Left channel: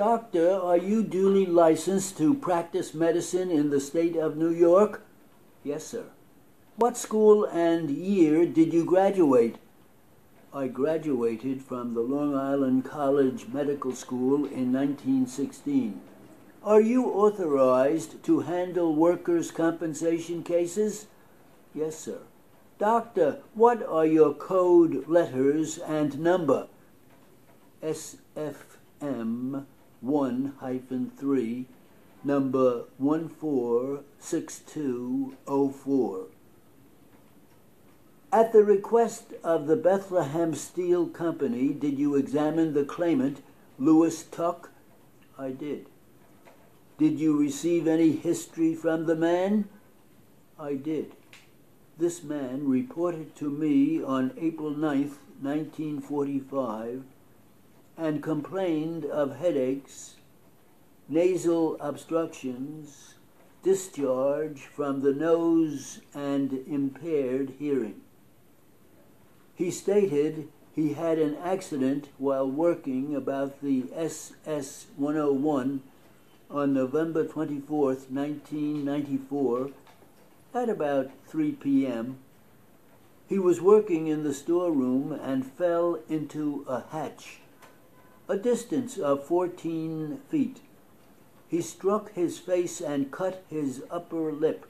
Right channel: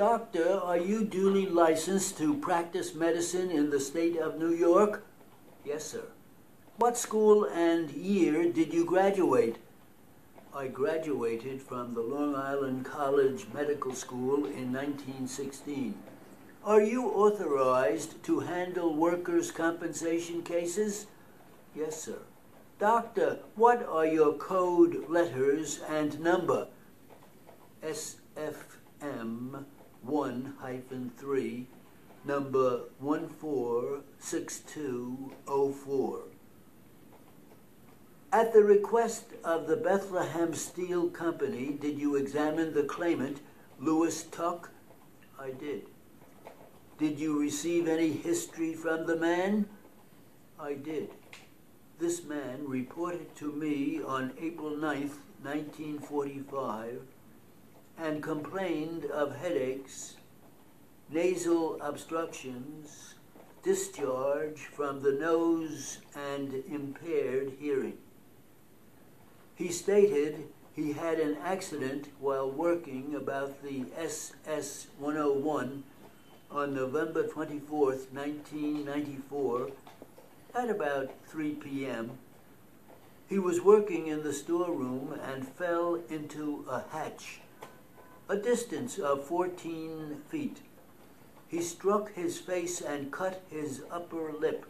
Doctor, are you duly licensed to practice medicine in the state of New York? Yes, sir. What school and year did you graduate? I graduated from the Long Island College Medical School in 1916. Are you authorized to handle workers' compensation cases? Yes, sir. Doctor, what are your code letters and number? SFM 1-3, number 146204. At the request of the Bethlehem Steel Company, did you examine the claimant, Louis Tuck? I did. Did you receive any history from the man? I did. This man reported to me on April 9th, 1945, and complained of headaches, nasal obstructions, discharge from the nose, and impaired hearing. He stated he had an accident while working about the SS-101 on November 24th, 1994, at about 3 p.m. He was working in the storeroom and fell into a hatch, a distance of 14 feet. He struck his face and cut his upper lip.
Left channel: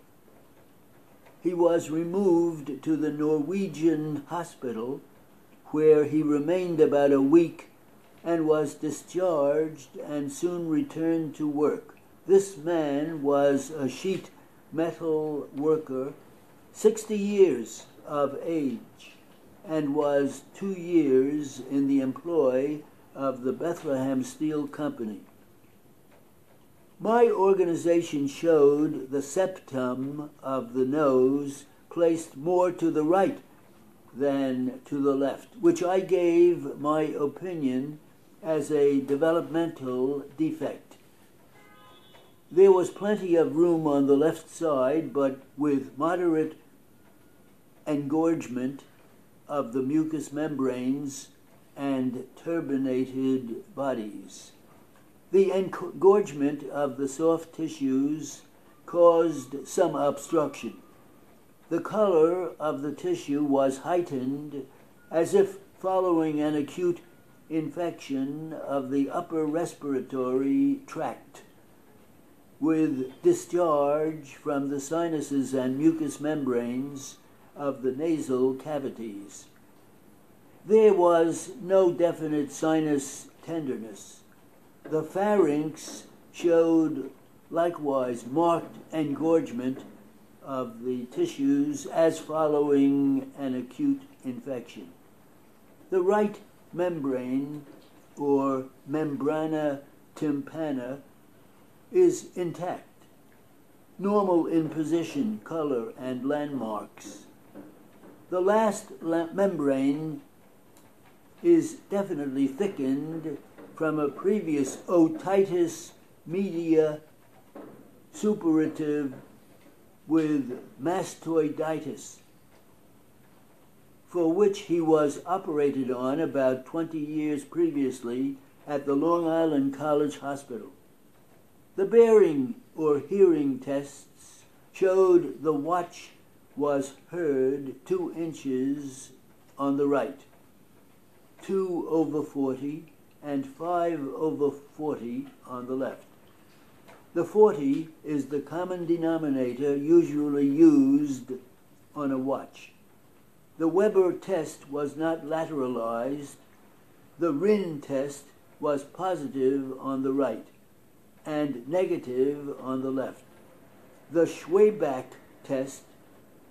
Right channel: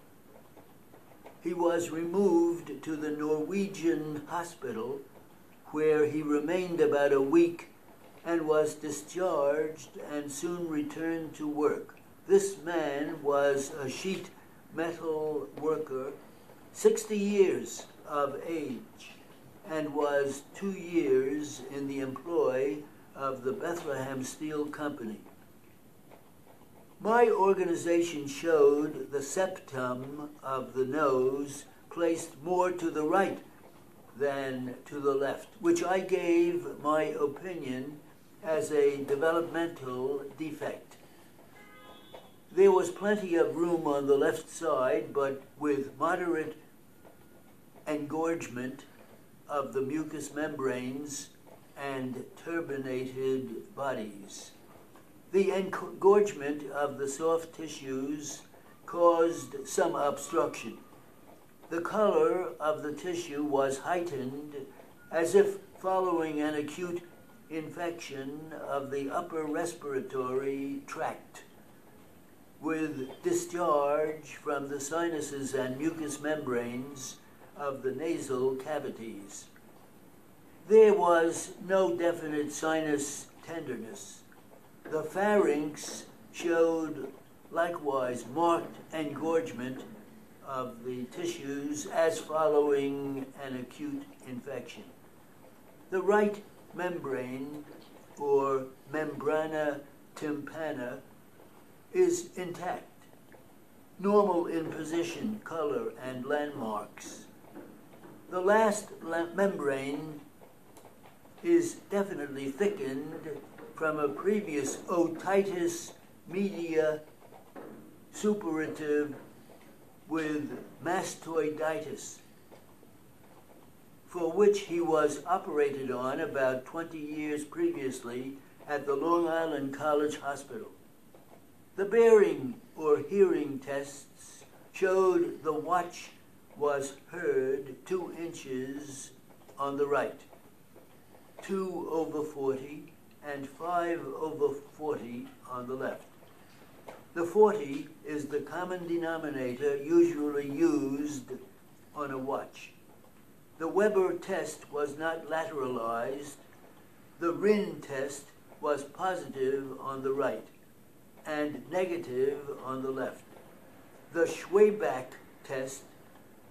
He was removed to the Norwegian hospital, where he remained about a week and was discharged and soon returned to work. This man was a sheet metal worker, 60 years of age, and was 2 years in the employ of the Bethlehem Steel Company. My organization showed the septum of the nose placed more to the right than to the left, which I gave my opinion as a developmental defect. There was plenty of room on the left side, but with moderate engorgement of the mucous membranes and turbinated bodies. The engorgement of the soft tissues caused some obstruction. The color of the tissue was heightened, as if following an acute infection of the upper respiratory tract, with discharge from the sinuses and mucous membranes of the nasal cavities. There was no definite sinus tenderness. The pharynx showed likewise marked engorgement of the tissues as following an acute infection. The right membrane, or membrana tympana, is intact, normal in position, color, and landmarks. The last membrane is definitely thickened from a previous otitis media suppurative with mastoiditis, for which he was operated on about 20 years previously at the Long Island College Hospital. The bearing or hearing tests showed the watch was heard 2 inches on the right, 2/40, and 5/40 on the left. The 40 is the common denominator usually used on a watch. The Weber test was not lateralized. The Rhin test was positive on the right and negative on the left. The Schwabach test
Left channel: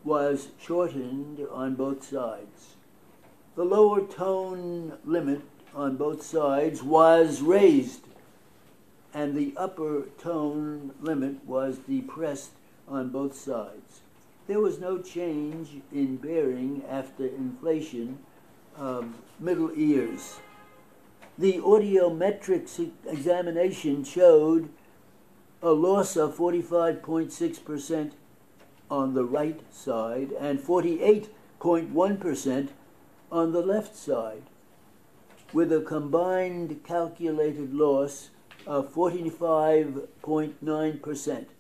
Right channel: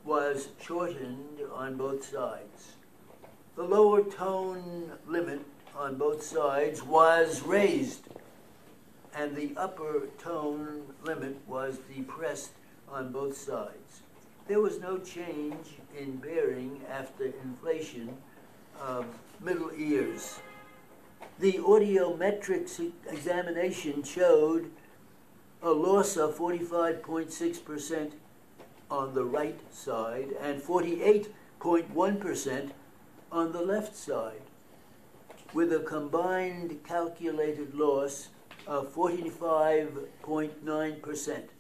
was shortened on both sides. The lower tone limit on both sides was raised, and the upper tone limit was depressed on both sides. There was no change in bearing after inflation of middle ears. The audiometric examination showed a loss of 45.6% on the right side and 48.1% on the left side, with a combined calculated loss 45.9%.